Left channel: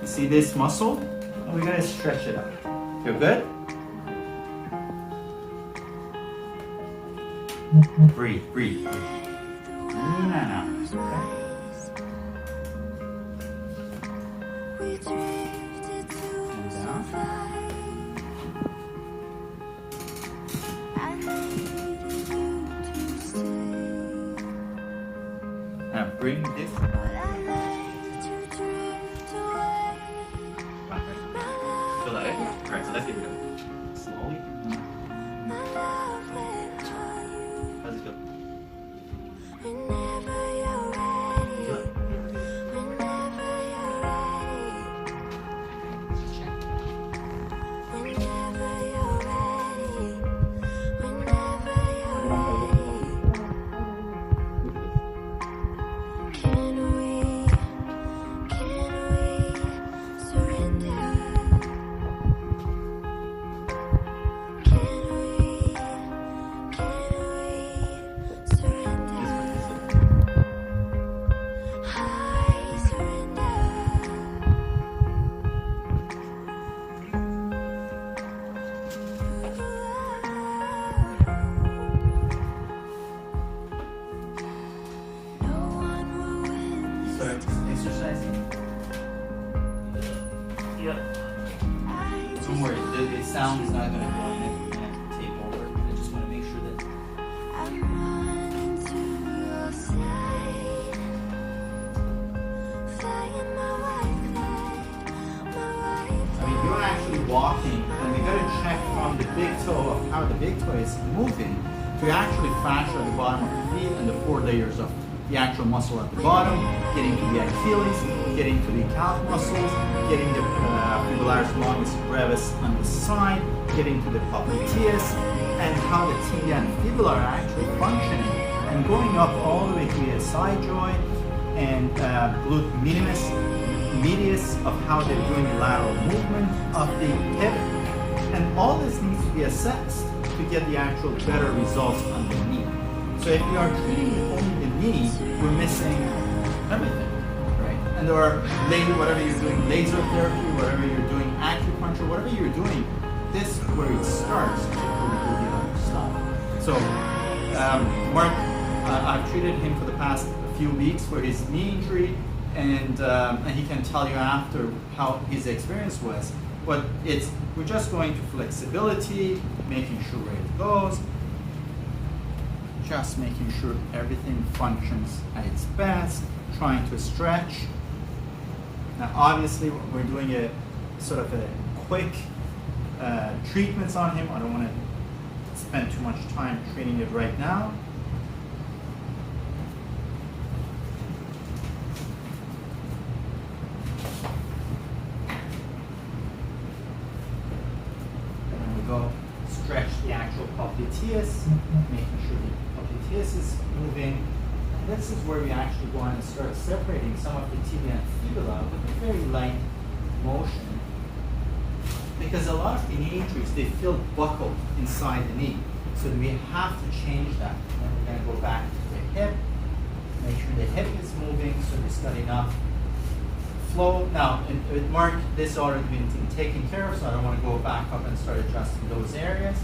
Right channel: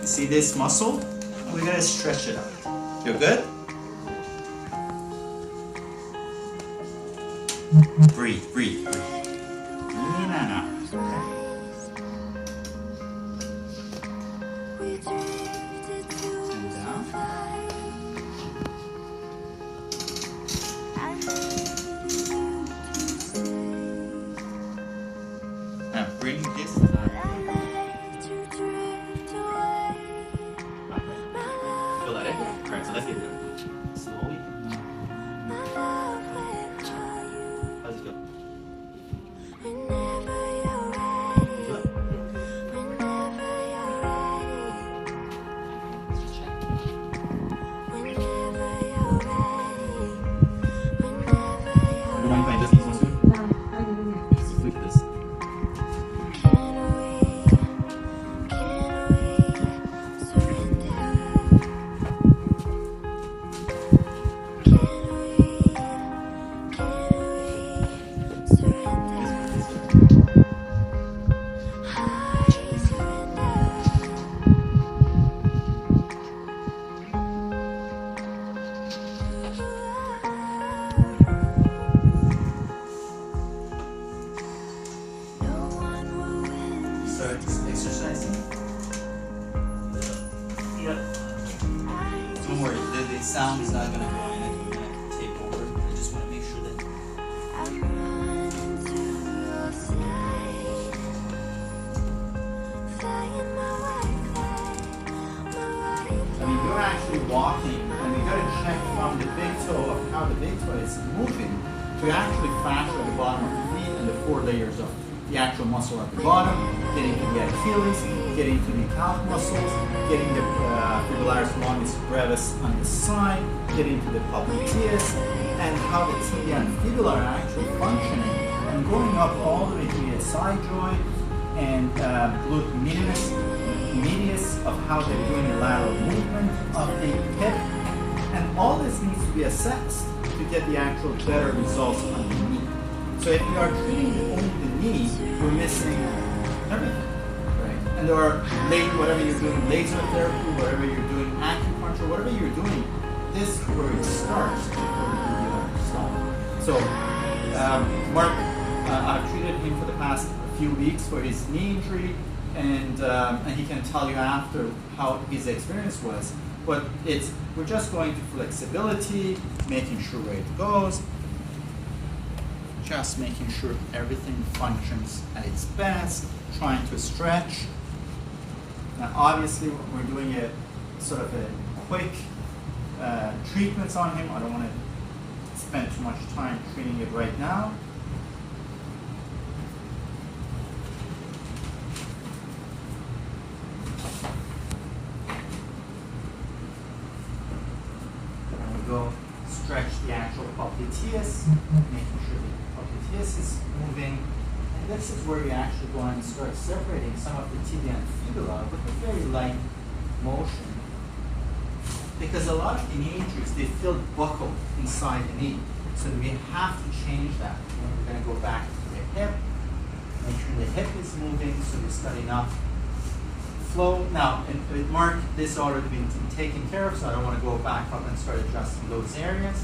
You see this muscle? We're gonna stretch it out. Feel good? Breathe, breathe, breathe. In and out. Okay. And down. Now bring this down. Feel that? Alright, so let's get it done. Slowly. How's it feel? Exercising? Yep. Don't worry, the sound is not going to take over. I just want to make sure that you're actually walking, and we got to check from the big toe of how the big toe is moving to actually fracture the bottom of the feet and the 4 layers of the actual muscle at the bottom, getting to the Achilles, getting to the calf muscles, getting the fibularis longus brevis on the side, getting to the popliteus, and how the tibia and fibula are actually functioning, and going up all the way to the side joint and glute medius of how they're doing the lateral movement of the hip, and all this needs to be assessed to get the actual better results on the knee. So if we are treating only the knee, we're missing everything, right? And or laser, whatever you're doing, laser therapy, whatever you're doing, acupuncture, whatever you're doing, this is where it starts before we do the other stuff. So Mark, I've treated him for the past few weeks for his knee injury, and he can tell you after how his experience was. But we're just going to flexibility, making sure where it goes, just making sure everything functions at its best, trying to stretch. Now obviously we're doing a sort of a quick treatments on him. I don't want to spend too much time treating it right now. And we go stretch the actual popliteus, making sure the popliteus is moving. And this is where we actually go on and start separating some of the tibia and fibula with a very light motion. Because a lot of the knee injuries, they feel buckled inside the knee. So we have to change that. And we're going to go back to the hip, make sure the hip is moving so it's got enough flow. Now, with Mark, this already been taken care of, so I don't want to go back up and start adjusting those areas.